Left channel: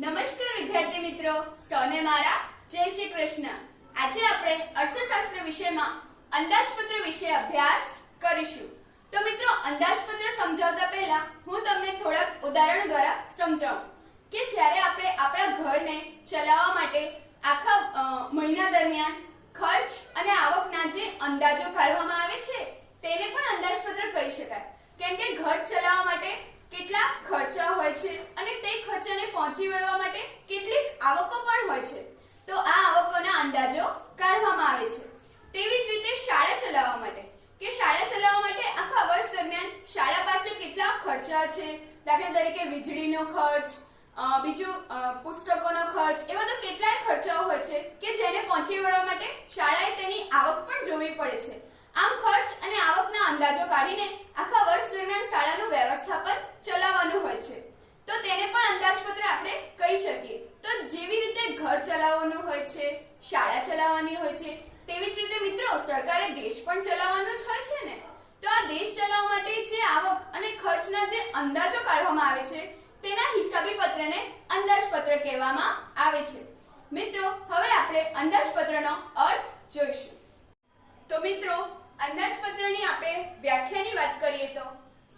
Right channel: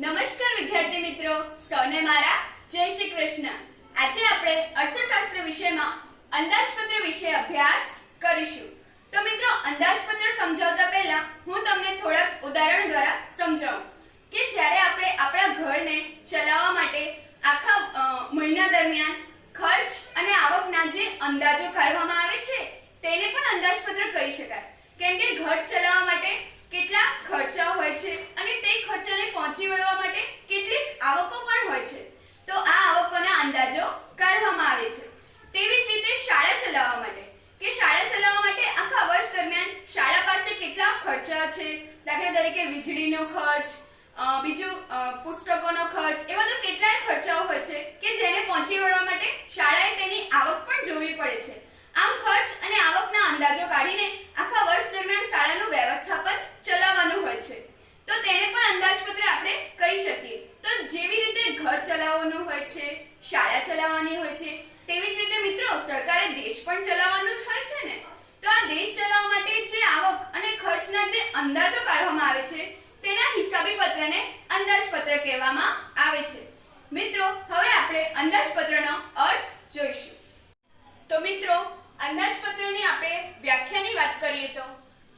નમસ્કાર વિદ્યાર્થી મિત્રો, સૌને મારા જય શ્રી કૃષ્ણ। આજે આપણે અર્થશાસ્ત્ર વિષયમાં અંદાજપત્ર વિશે અભ્યાસ કરીશું। તો મિત્રો, અંદાજપત્ર સમજાવતા પહેલા હું તમને થોડાક ઉદાહરણો દ્વારા સમજાવું કે જ્યારે આપણે આપણા ઘરને ચલાવવા માટે આખા મહિના દરમિયાન ખર્ચ અને આવકના જે અંદાજો કાઢવામાં આવે છે તેને પણ અંદાજપત્ર કહી શકાય, કેમ કે ઘર ચલાવવા માટે કેટલા ખર્ચા હોય છે અને તે ખર્ચાને પહોંચી વળવા માટે કેટલીક આવકો પણ હોય છે, તો આ આવકોના અંદાજો કાઢવામાં આવે છે। તેવી જ રીતે શાળા ચલાવવા માટે કે શાળા ચલાવવા માટે આખા વર્ષ દરમિયાન શાળા પાસે કેટલા ખર્ચા છે, દાખલા તરીકે વીજળીનો ખર્ચ, બીજું પુસ્તકોનો ખર્ચ, એવા તો કેટલાય ખર્ચાઓ હોય છે કે જેને પહોંચી વળવા માટે શાળાએ તેની આવક પણ જોવી પડે છે। આમ ખર્ચ અને આવકના અંદાજો કાઢીને આખા વર્ષ દરમિયાન શાળાનું વ્યવસ્થાપન ચલાવવાનું હોય છે, તો તેને પણ અંદાજપત્ર આપણે કહી શકીએ। તો જેવી રીતે ઘર ચલાવવાનું હોય છે, શાળા ચલાવવાની હોય છે, તેવી જ રીતે મિત્રો સરકારે દેશ પણ ચલાવવાનું જ હોય છે ને। તો આ દેશ ચલાવવા માટે જે આવક અને ખર્ચના જે અંદાજો કાઢવામાં આવે છે તેના હિસાબી પત્રને અંદાજપત્ર કહેવામાં આવે છે। મિત્રો, હવે આપણે અંદાજપત્રનો અર્થ જોઈશું। તો મિત્રો, અંદાજપત્રની આપણે વ્યાખ્યાની વાત કરીએ તો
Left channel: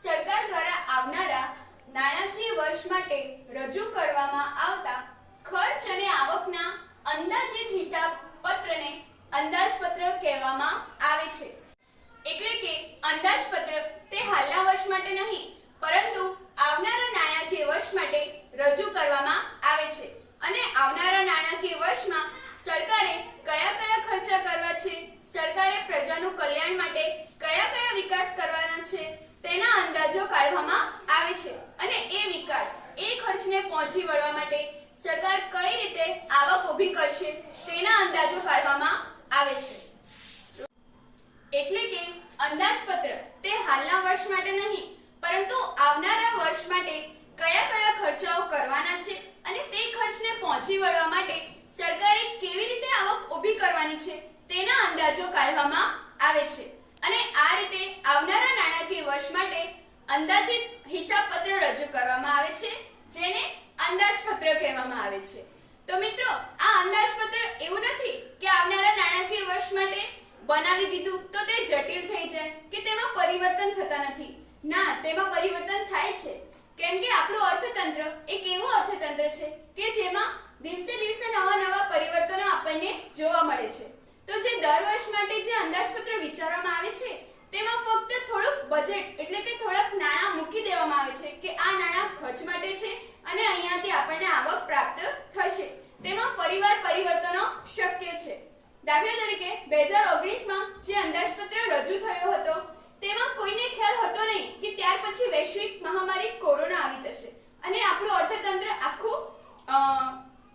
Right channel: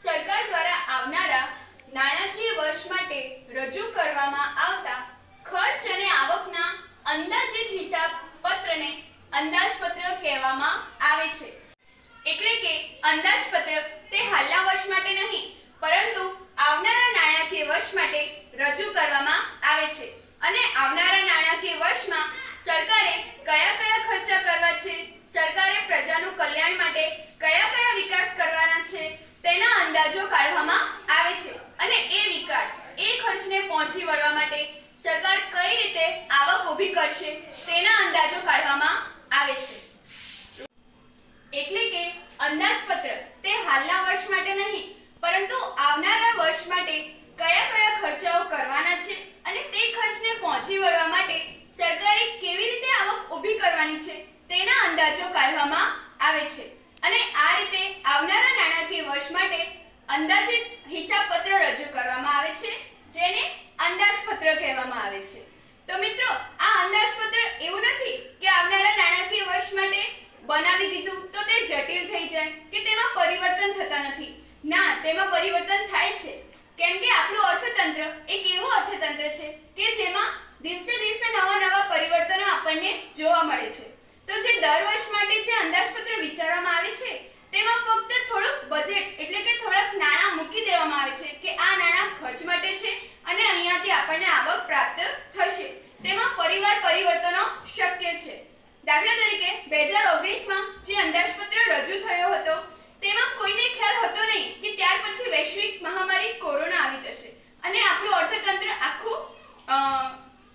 સરકાર દ્વારા આવનારા નાણાકીય વર્ષ માટે રજૂ કરવામાં આવતા ખર્ચ અને આવકના અંદાજિત હિસાબ પત્રને અંદાજપત્ર કહેવામાં આવે છે। એટલે કે અંદાજપત્ર તે હાલના વર્ષ માટે નહીં પરંતુ આવનારા નાણાકીય વર્ષ માટે રજૂ કરવામાં આવે છે અને આવનારા નાણાકીય વર્ષમાં સરકારે કયા કયા ખર્ચા કરવા છે, સરકારે પ્રજાનું કલ્યાણ માટે કયા કયા વિકાસ કરવાના છે તેના અંદાજો કાઢવામાં આવે છે અને એ વિકાસ, એ ખર્ચને પહોંચી વળવા માટે સરકાર કઈ રીતે આવક ઊભી કરશે તેના અંદાજો કાઢવામાં આવે છે। એટલે કે અંદાજપત્ર તે હાલના વર્ષ માટે નહીં પરંતુ આવનારા વર્ષ માટે કયા કયા ખર્ચાઓ કરવાના છે અને તે ખર્ચને પહોંચી વળવા માટે સરકારે કેવી રીતે આવક ઊભી કરવાની છે તેના અંદાજો કાઢવામાં આવે છે અને આ રીતે આવનારા નાણાકીય વર્ષ માટે અંદાજિત હિસાબપત્ર રજૂ કરવામાં આવે છે, જેને અંદાજપત્ર કહેવામાં આવે છે। તો મિત્રો, આ અંદાજપત્ર એવું નથી કે આવનારા નાણાકીય વર્ષ માટે બનાવી દીધું તો તે જટિલ થઈ જાય કે તેમાં પરિવર્તન થતા નથી। ના, તેમાં પરિવર્તન થાય છે, કેમ કે આપણું અર્થતંત્ર એક એવું અર્થતંત્ર છે કે જેમાં દિવસે દિવસે નવા નવા પરિવર્તનો આપણને જોવા મળે છે। તો જે દર વર્ષ માટે જે અંદાજપત્ર વિચારવામાં આવે છે તેમાં ફક્ત થોડુંક બજેટ એટલે કે થોડાક નાણાં મૂકી દેવામાં આવે છે કે આ નાણાં ખર્ચ માટે છે અને અહીંયાથી આપણને આવક પ્રાપ્ત થશે, તેમાં ફરીવાર પરિવર્તનો શક્ય છે। દાખલા તરીકે 2019માં જે અંદાજપત્ર રજૂ થયો હતો તેમાં કોઈને ખ્યાલ હતો નહીં કે ત્યાર પછી વૈશ્વિક મહામારી કોરોના આવી જશે અને આપણું અર્થતંત્ર આખું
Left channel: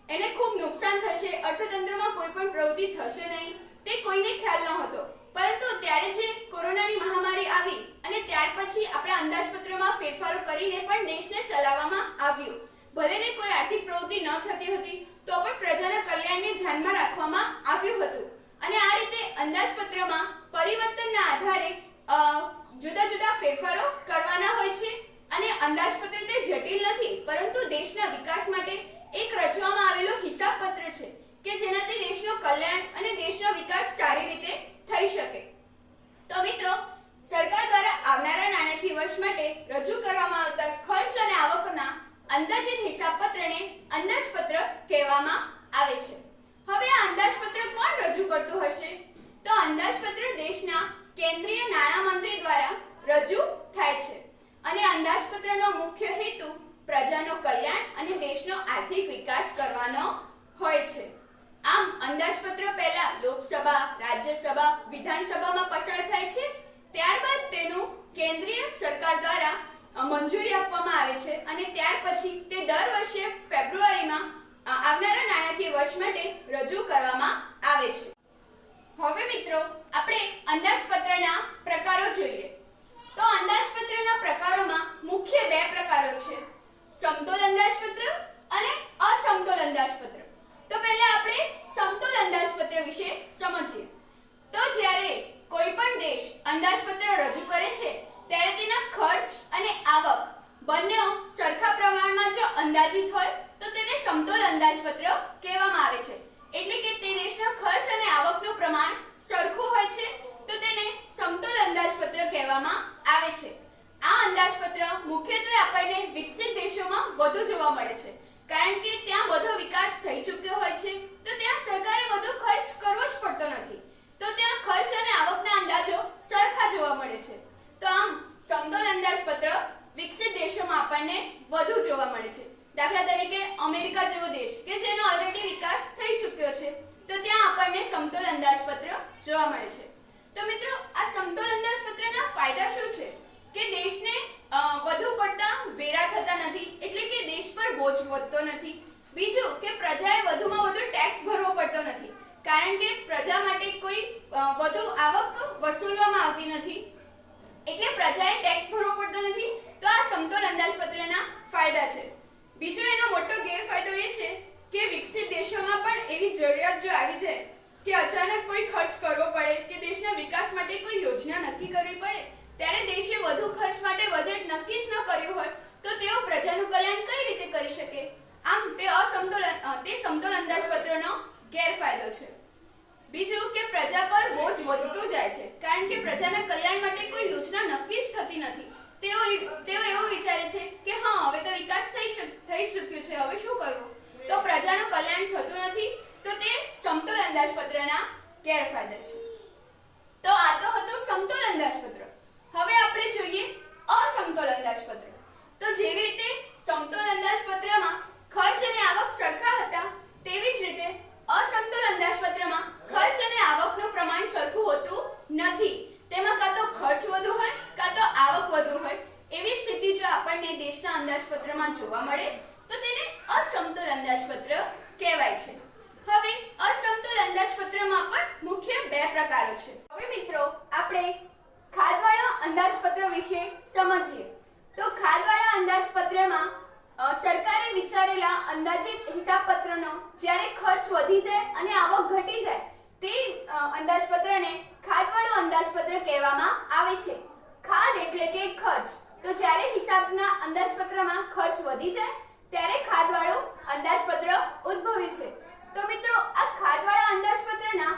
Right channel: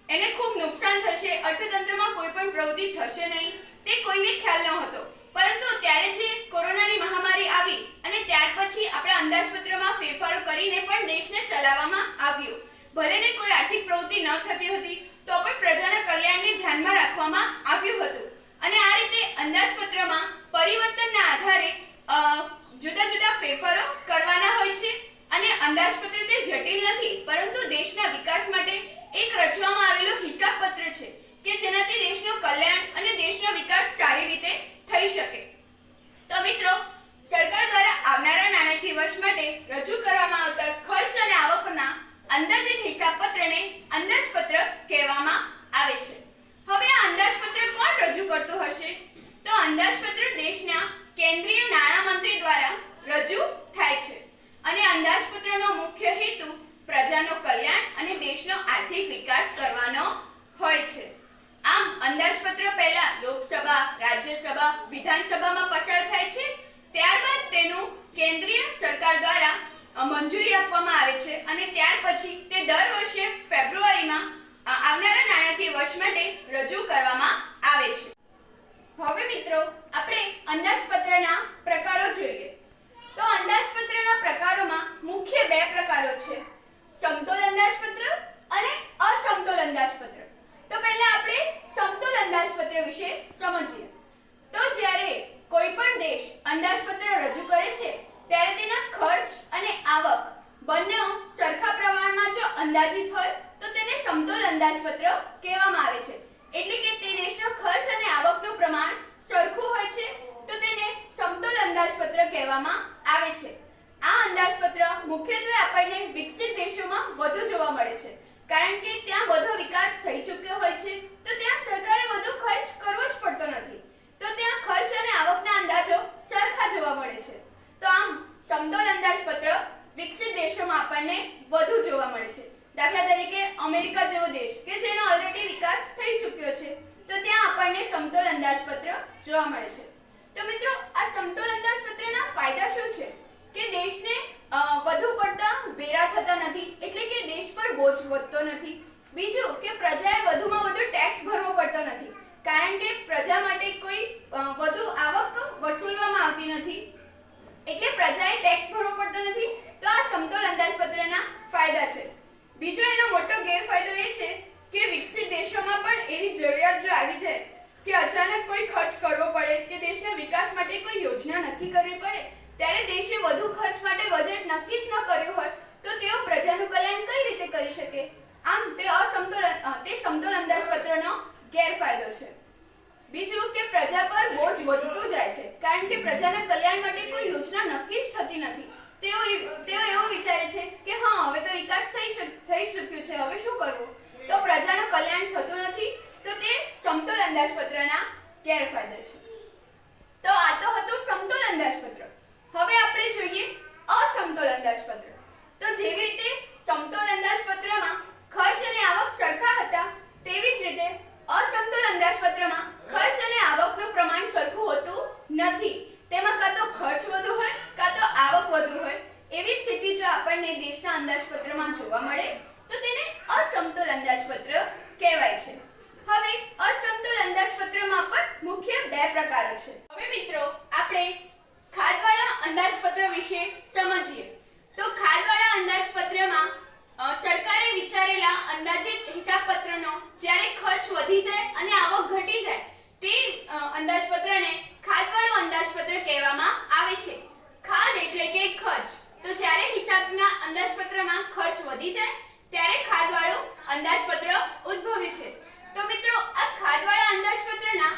એને ખૂબ નુકસાન થશે, અર્થતંત્રમાં કોઈ પણ પ્રવૃત્તિ થશે નહીં, તે કોઈને ખ્યાલ ન હતો। પરંતુ ત્યારે જે કોરોનાની મહામારી આવી અને ત્યાર પછી આપણા અંદાજપત્રમાં ફેરફારો કરીને પણ દેશને ચલાવવામાં આવ્યો। ભલે ને કોઈ આર્થિક પ્રવૃત્તિ ન થતી હતી તો પણ પ્રજાના કલ્યાણને ધ્યાનમાં રાખવામાં આવ્યું હતું અને આ રીતે અંદાજપત્રમાં પરિવર્તનના આધારે જુદા જુદા ફેરફારો કરવાના હોય છે અને અંદાજપત્ર તે જટિલ નથી પરંતુ દેશના વિકાસ માટે એક રચવામાં આવેલું હિસાબપત્ર છે કે જેનાથી દેશનું કલ્યાણ અને દેશનો વિકાસ સારી રીતે થઈ શકે। તો મિત્રો, સરકાર દ્વારા આવનારા નાણાકીય વર્ષ માટે રજૂ કરવામાં આવતા ખર્ચ અને આવકના અંદાજિત હિસાબપત્રને અંદાજપત્ર કહેવામાં આવે છે। હવે આ અંદાજપત્ર કોણ રજૂ કરતું હશે? તો અંદાજપત્ર દેશના કેન્દ્રીય નાણાં મંત્રી દ્વારા રજૂ થાય છે અને અંદાજપત્રનો મુખ્ય હેતુ પ્રજાનું કલ્યાણ અને દેશનો આર્થિક વિકાસ કરવાનો હોય છે। આમ અંદાજપત્ર પહેલા લોકસભા, રાજ્યસભા, વિધાનસભામાં પસાર થાય છે, ત્યારબાદ તેનું કેન્દ્રીય સરકાર દ્વારા મંજૂરી આપવામાં આવે છે અને ત્યાર પછી તે દર વર્ષે ફેબ્રુઆરીમાં આવનારા નાણાકીય વર્ષ માટે રજૂ કરવામાં આવે છે। હવે મિત્રો, આપણે અંદાજપત્રના પ્રકારો જોઈએ। તો અંદાજપત્રના પ્રકારોમાં મુખ્ય બે પ્રકારો છે, સમતોલ અંદાજપત્ર અને અસમતોલ અંદાજપત્ર। તો પહેલા આપણે સમતોલ અંદાજપત્ર વિશે સમજીએ। તો જ્યારે કોઈ પણ દેશ અંદાજપત્ર રજૂ કરે છે ત્યારે તેના ખર્ચ અને આવક બંને સરખા પ્રમાણમાં જો અંદાજિત હોય તો તેને સમતોલ અંદાજપત્ર કહેવામાં આવે છે. એટલે કે તે દેશના ખર્ચ અને આવકનું પ્રમાણ સરખું હોય છે તો તેને સમતોલ અંદાજપત્ર કહેવામાં આવે છે. આ અંદાજપત્ર મુખ્યત્વે આપણને વિકસિત દેશોમાં વધુ જોવા મળે છે, કારણ કે ત્યાં વધુ વિકાસ થઈ ચૂક્યો હોય છે તો ત્યાં સરકારે વધુ ખર્ચ કરવો જ પડતો નથી, તો ત્યાં ખર્ચ અને આવકના અંદાજો સરખા જોવા મળે છે. તો આમ સમતોલ અંદાજપત્ર વિકસિત દેશોમાં આપણને વધુ જોવા મળે છે. દાખલા તરીકે અમેરિકા જેવો દેશ કે જેનો ઓલરેડી વિકાસ થઈ ચૂક્યો છે તો ત્યાં આપણને સમતોલ અંદાજપત્ર જોવા મળે છે. તો મિત્રો, આ સમતોલ અંદાજપત્રના ફાયદા શું છે કે દેશને વધુ પડતા વેરા થતા નથી, એટલે કે દેશ પર બોજ વધતો નથી. બીજું કે પ્રજાએ વધુમાં વધુ ટેક્સ ભરવો પડતો નથી, કારણ કે પ્રજા માટે કોઈ વધુ આવક વસૂલવામાં આવતી નથી, એટલે પ્રજાએ ટેક્સ ભરવો પડતો નથી. તો આ સમતોલ અંદાજપત્રના ફાયદા છે. બીજો એનો મોટો ગેરફાયદો એ છે કે વિકસિત દેશોમાં પણ એવી જરૂરિયાત જો આવી જાય કે અચાનક કોઈ ખર્ચ કરવો પડે કે દેશના વિકાસ માટે કોઈ યોજના નક્કી કરવી પડે, ત્યારે દેશે વધુ ખર્ચ માટે બજેટ નક્કી જ ન કર્યું હોય તો તેઓ પ્રજાનું કલ્યાણ કઈ રીતે કરી શકે? આમ તે સમતોલ અંદાજપત્રનો ગેરફાયદો છે. બીજું કે પ્રજા પર બોજ વધતું જાય છે, કારણ કે પ્રજાના કલ્યાણ માટે કોઈ યોજના નક્કી જ થતી નથી. તેઓ એવું વિચારે છે કે હા, હવે તો વિકાસ થઈ ચૂક્યો છે, હવે શું કરવું? તો પ્રજાનું કલ્યાણ થતું નથી. તો તે સમતોલ અંદાજપત્રના ગેરફાયદા છે. તો આ તો હતું સમતોલ અંદાજપત્ર. હવે આપણે જોઈએ અસમતોલ અંદાજપત્ર. તો જેવી રીતે સમતોલ અંદાજપત્રમાં ખર્ચ અને આવક સરખા હતા, તેવી જ રીતે અસમતોલ અંદાજપત્રમાં ખર્ચ અને આવકનું પ્રમાણ સરખું હોતું નથી. તેમાં કાં તો ખર્ચ વધુ હોય કાં તો આવક વધુ હોય. એવી સ્થિતિ જો આપણને દેશના અંદાજપત્રમાં જોવા મળે તો તેને અસમતોલ અંદાજપત્ર કહેવાય છે. હવે અસમતોલ અંદાજપત્રમાં પણ મુખ્ય બે પ્રકારો છે. હવે મિત્રો, આપણે ખાધવાળા અંદાજપત્ર વિશે સમજીએ. તો ખાધવાળા અંદાજપત્રમાં સરકારે વિચારેલા અંદાજિત હિસાબપત્રનો જ્યારે ખર્ચ વધી જાય અને આવક ઘટી જાય તે અંદાજપત્રને ખાધવાળું અંદાજપત્ર કહેવામાં આવે છે. ખાધ એટલે કે ખર્ચ. તો જ્યારે હિસાબના અંદાજપત્રમાં ખર્ચ વધી જાય ત્યારે ખાધવાળું અંદાજપત્ર ઉદ્ભવે છે. તો મિત્રો, આ ખાધવાળા અંદાજપત્રના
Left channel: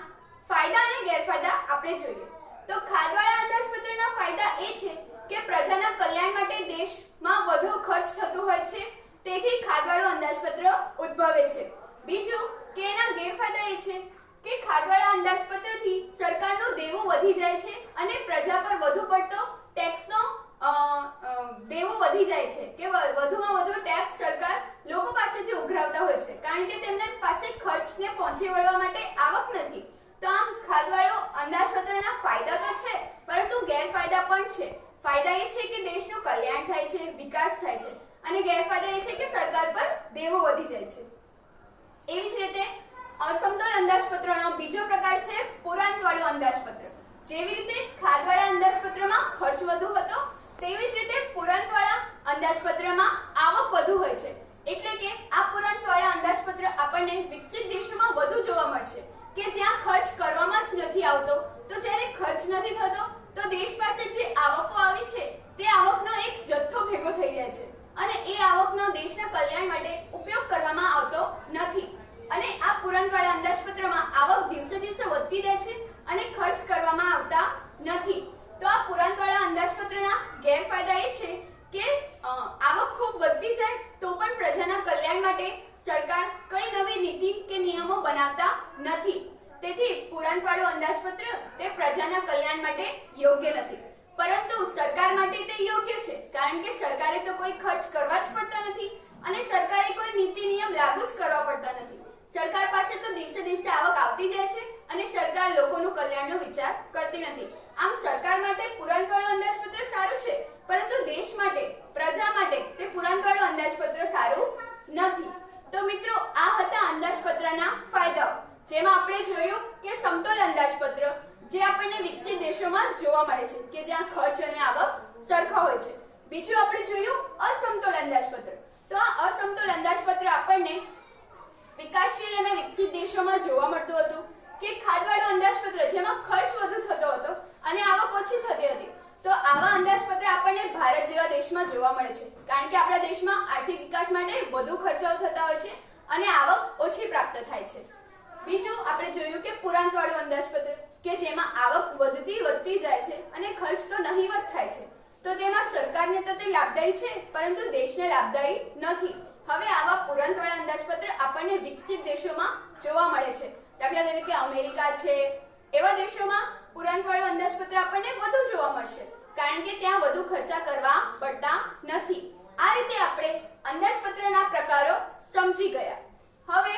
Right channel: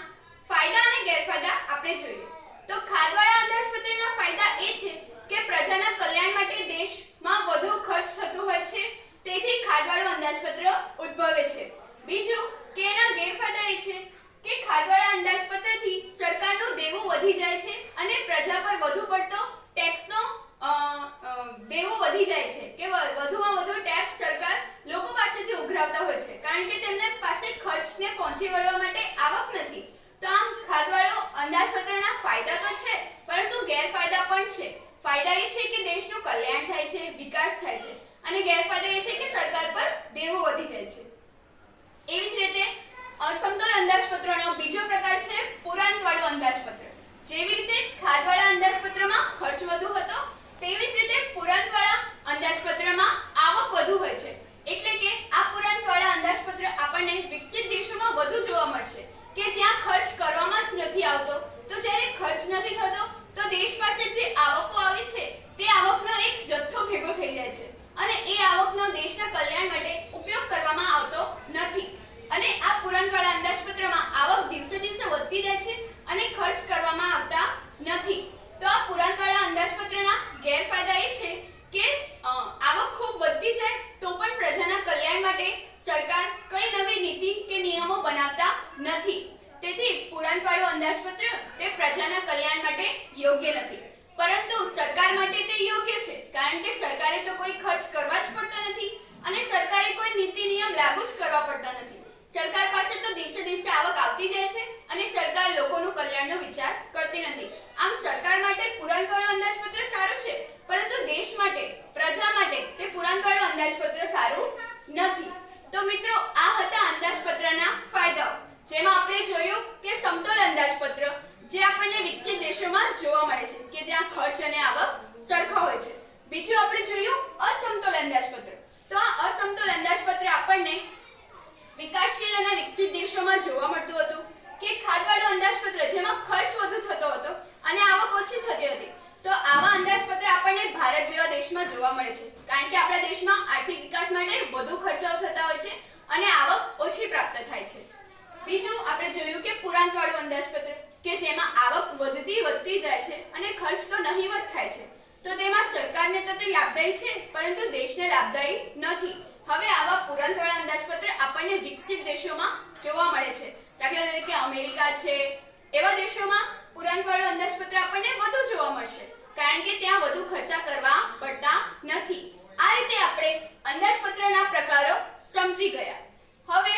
ફાયદા અને ગેરફાયદા આપણે જોઈએ. તો ખાધવાળા અંદાજપત્રના ફાયદા એ છે કે પ્રજાના કલ્યાણ માટે દેશમાં વધુ ખર્ચ થતું હોય છે, તેથી ખાધવાળું અંદાજપત્ર ઉદ્ભવે છે. બીજું કે એના ગેરફાયદા એ છે કે ખાધવાળા અંદાજપત્રથી સરકારનું દેવું વધી જાય છે અને પ્રજા પર વધુ પડતો ટેક્સનો દેવું વધી જાય છે, કે વધુમાં વધુ ટેક્સ સરકાર લોકો પાસેથી ઉઘરાવતા હોય છે, કારણ કે તેમને પાસે ખર્ચને પહોંચી વળવા માટે આવક નથી. તો આમ ખાધવાળો અંદાજપત્રના ફાયદા તો છે, પરંતુ ગેરફાયદા પણ છે. ફાયદા એ છે કે દેશનું કલ્યાણ થાય છે, વિકાસ થાય છે, અને ગેરફાયદા એ છે કે સરકાર પર દેવું વધી જાય છે. એવી જ રીતે અસમતોલ અંદાજપત્રનો બીજો પ્રકાર છે પુરાંતવાળું અંદાજપત્ર. જેવી રીતે ખાધવાળા અંદાજપત્રમાં ખર્ચ વધુ હતો, તેવી જ રીતે પુરાંતવાળા અંદાજપત્રમાં આવક વધુ હોય છે. એટલે કે આ પુરાંતવાળા અંદાજપત્ર આપણને વિકસિત દેશોમાં વધુ જોવા મળશે, કે જ્યાં ખર્ચ કરવામાં જ નથી આવતો. તો જ્યારે ખર્ચ નથી થતો તો દેશ પાસે જે આવકો આવે છે તે આવકનો એક જથ્થો ભેગો થઈ જાય છે, અને એ આવકનો દેશના કલ્યાણ માટે ઉપયોગ કરવામાં આવતો નથી. અને આ પુરાંતવાળા અંદાજપત્રમાં આવક દિવસે દિવસે વધતી જાય છે અને ખર્ચ કરવામાં આવતા નથી. તો આ પુરાંતવાળા અંદાજપત્રના ગેરફાયદા એ છે કે આવક ખૂબ વધતી જાય તો પણ પ્રજાના કલ્યાણ માટે સરકાર કઈ નવી નીતિ કે નિયમો બનાવતા નથી. તેથી પુરાંતવાળું અંદાજપત્ર તે પ્રજાના કલ્યાણ માટે યોગ્ય નથી, પરંતુ સરકાર માટે તે યોગ્ય છે, કારણ કે સરકારે તો કોઈ ખર્ચ કરવા જ પડતા નથી અને સરકારે કોઈ નીતિ નિયમ લાગુ જ કરવા પડતા નથી. સરકાર પાસે તો દિવસે દિવસે આવક આવતી જાય છે અને સરકાર લોકોનું કલ્યાણનો વિચાર કરતી નથી. આમ સરકાર માટે પુરાંતવાળું અંદાજપત્ર સારું છે, પરંતુ દેશ માટે, પ્રજા માટે તે પુરાંતવાળું અંદાજપત્ર સારું નથી. તો મિત્રો, આ હતા અંદાજપત્રના ફાયદાઓ, જેમાં આપણે જોયું કે સમતોલ અંદાજપત્ર જે આપણને વિકસિત દેશોમાં જોવા મળે છે, કે જ્યાં ખર્ચ અને આવક સરખા હોય છે. બીજું આપણે જોયું અસમતોલ અંદાજપત્ર. તો આ અસમતોલ અંદાજપત્ર આપણને વિકાસશીલ અને વિકસિત દેશોમાં જોવા મળતું હતું કે ખાધવાળું અંદાજપત્ર જેમાં ખર્ચ વધુ થતો હતો અને આવક ઓછી થતી હતી. તો આવા અંદાજપત્ર આપણને ભારત જેવા દેશમાં જોવા મળે છે, કારણ કે આપણા દેશમાં આર્થિક વિકાસ માટે વધુ ખર્ચાઓ થતા હોય છે અને આવક ઓછી પ્રાપ્ત થાય છે. બીજું આપણે જોયું કે પુરાંતવાળું અંદાજપત્ર કે જેમાં આવક વધતી જાય છે અને ખર્ચ તો નહીવત થાય છે. તો તેમાં સરકારને તો તે લાભદાયી છે પરંતુ દેશને લાભદાયી નથી. હવે આવા પુરાંતવાળા અંદાજપત્ર આપણને વિકસિત દેશોમાં જોવા મળે છે. દાખલા તરીકે અમેરિકા છે, એવા દેશોમાં પુરાંતવાળું અંદાજપત્ર આપણને વધુ જોવા મળશે કારણ કે ત્યાં વધુ ખર્ચા કરવા પડતા નથી. આ રીતે આપણે અંદાજપત્રના પ્રકારો સમજી ગયા. હવે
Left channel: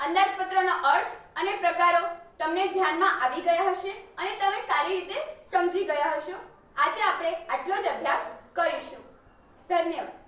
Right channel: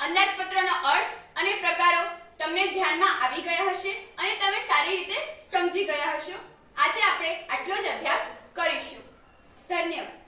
અંદાજપત્રનો અર્થ અને પ્રકારો તમને ધ્યાનમાં આવી ગયા હશે અને તમે સારી રીતે સમજી ગયા હશો. આજે આપણે આટલો જ અભ્યાસ કરીશું. ધન્યવાદ.